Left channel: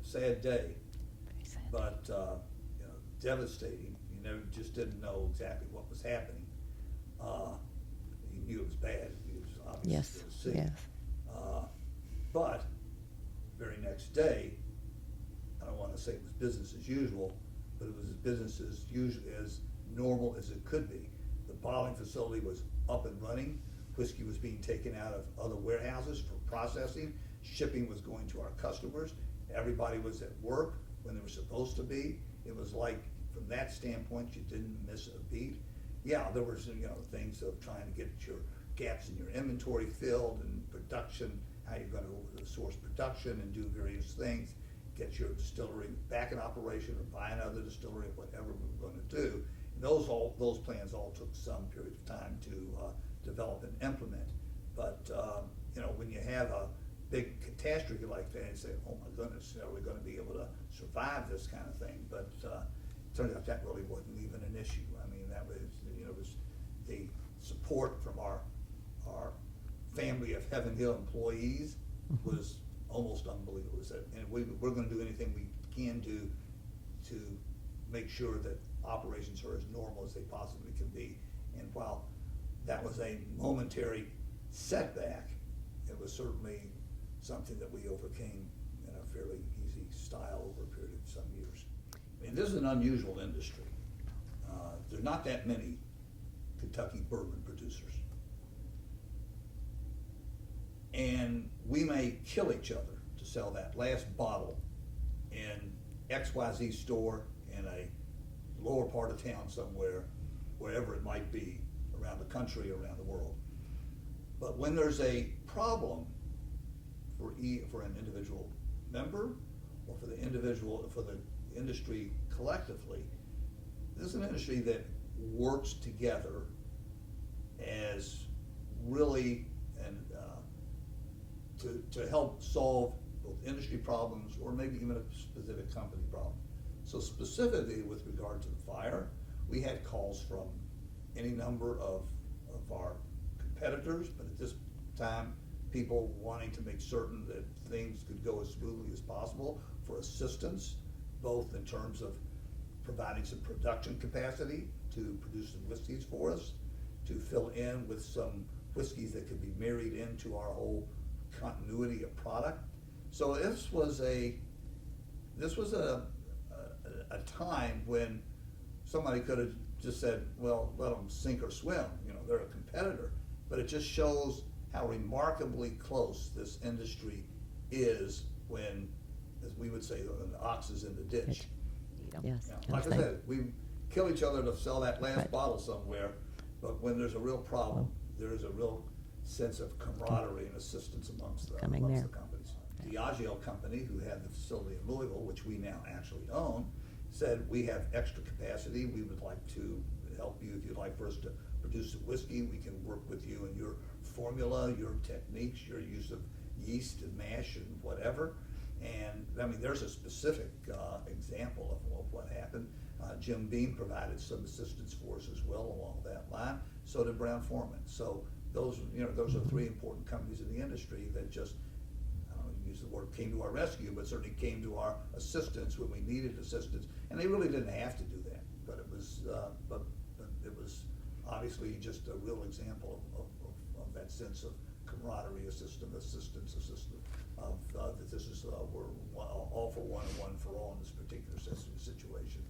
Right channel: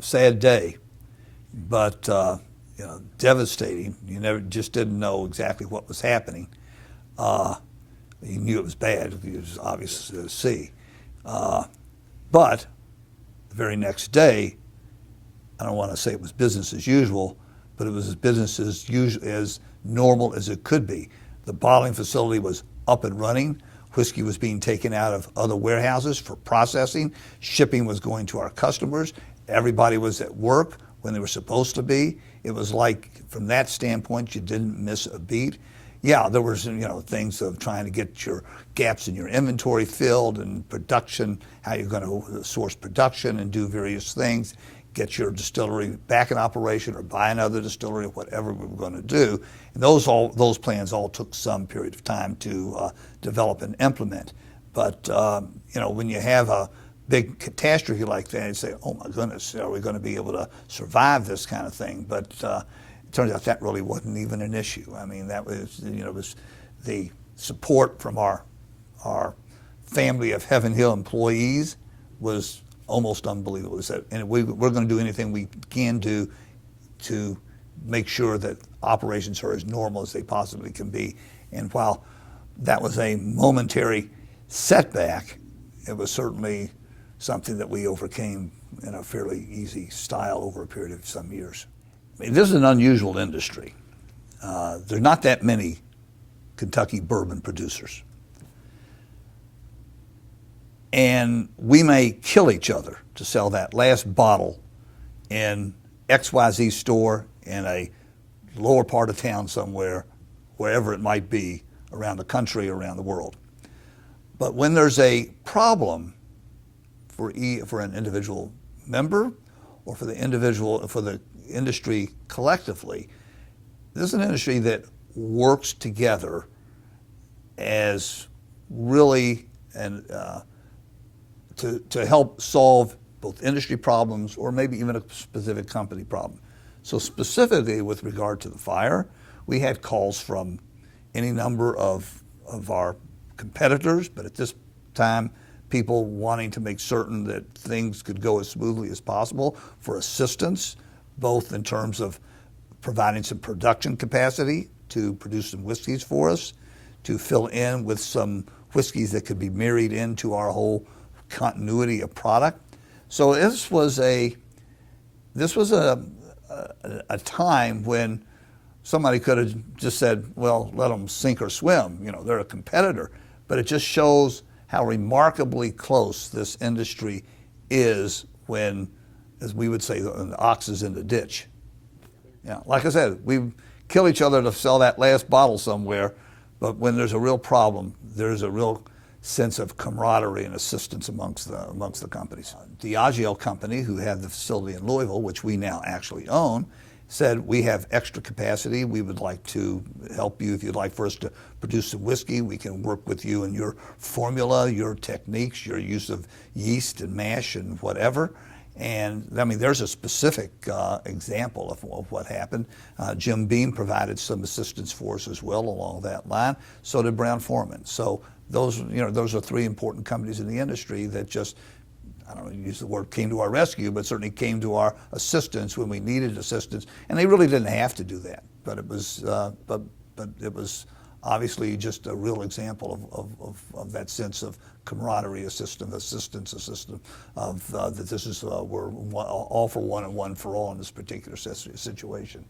sad day, but devastating. You just didn't know exactly what was happening. You knew it was bad. It was obvious to see. But the very next day, I don't want to say it was business as usual, but it was business as normal as it could be. The bottling facility was up and running. Whiskey was being taken out of other warehouses for processing. Shipping was going to our customers. Everybody was at work when they were supposed to be. It was like, from that standpoint, you didn't miss a beat. Yeah, there was things of trying to get your gaps in your inventory filled and production, how you're going to source production and do various things, get your distillery back in operation or buy another distillery, whatever we were going to do. And those plans all took some period of time to develop and implement. But when you have a big catastrophe like that, you say, oh my goodness, are we going to be able to survive this kind of thing? But it turns out that really wasn't even an issue. I mean, that was, it was the support from our family of Heaven Hill employees was almost unbelievable. And we're going to do anything we can do to make sure that operations are as normal as they possibly can be. And while that was a momentary setback, it was certainly something that we overcame in a fairly easy style over a period of some years. I mean, this is an unusual industry. There's not that many Kentucky bourbon producers. And we may kill each other to sell that last bottle in XYZ store in a lower part of town somewhere, wherever it might be, around the country, around the world. But when there's a problem for an individual member or for the industry collectively, this is an industry that works together as really to help solve both industry problems or maybe even a specific company problem. So specifically with regard to the fire, we had calls from any number of our competitors, but at this time, people wanting to make certain that things could go as smoothly as possible for assistance, both in terms of providing some production capacity to produce some whiskeys for us, to fill in with some whiskeys that could be married into our whole continuity of product. So this was a time when somebody could have just said, well, let them sink or swim. They're a competitor. But it just shows how remarkably close this industry is when, as we would say, the ox is in the ditch. Yes. Yeah, like I said, we kill each other to sell that last bottle somewhere, but when there's a real problem, there's a real sense of camaraderie and assistance amongst the companies. Diageo Company, who had the facility in Louisville, which we now actually own, said, we have extra capacity. We would like to help you. If you'd like for us to produce some whiskey, we can work with you in your formula, your techniques, your use of yeast and mash and whatever. And I mean, there's a specific example of what happened. Jim Beam provided some assistance for us as well along that line. So did Brown-Forman. So those are three important companies in the industry that just, I don't know, use the word came to our rescue, but certainly came to our assistance when we needed assistance. And they really didn't have to do that, but it was, but it was obviously just a real example of that sense of camaraderie, assistance of that this is we're all for one and one for all in this particular situation.